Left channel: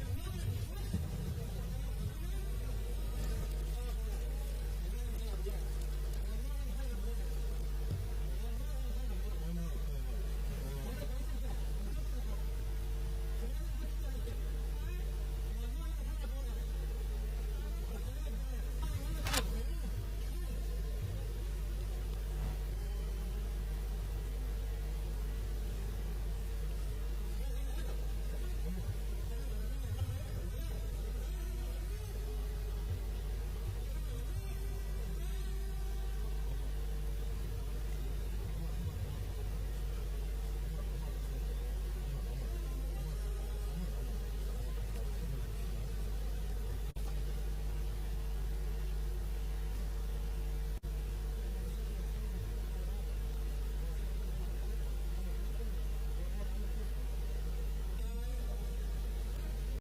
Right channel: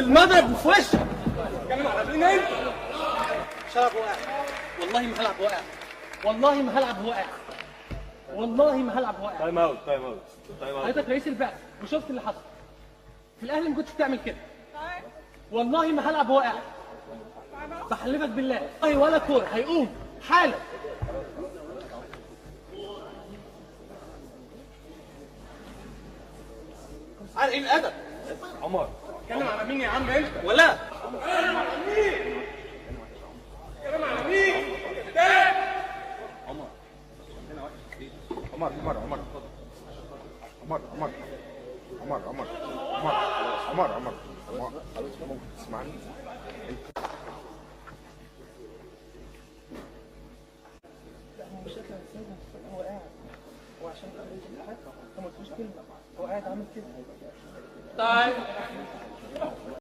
المضرب في وشك. كمان عارفين انت مش هلعب واقع، والله ما هلعب واقع، والله ما هلعب واقع، والله ما هلعب واقع. تايم اوت تايم اوت تايم اوت. حضرتك رئيس البعثة وشفت اللي حصل في الاهلي، ما كنتش تعمل كده. والله ما هلعب واقع، بحلفك بالله والله ولا كوره هيقوم حالا. على ايه الادب؟ عمر اتكلم على مين يا عم انت؟ ولا اتكلم على مين؟ اتكلم على مين؟ عمر عمر عمر عمر عمر عمر عمر عمر عمر عمر عمر ممكن تسمعني؟ هو قاعد عامل كده. طيب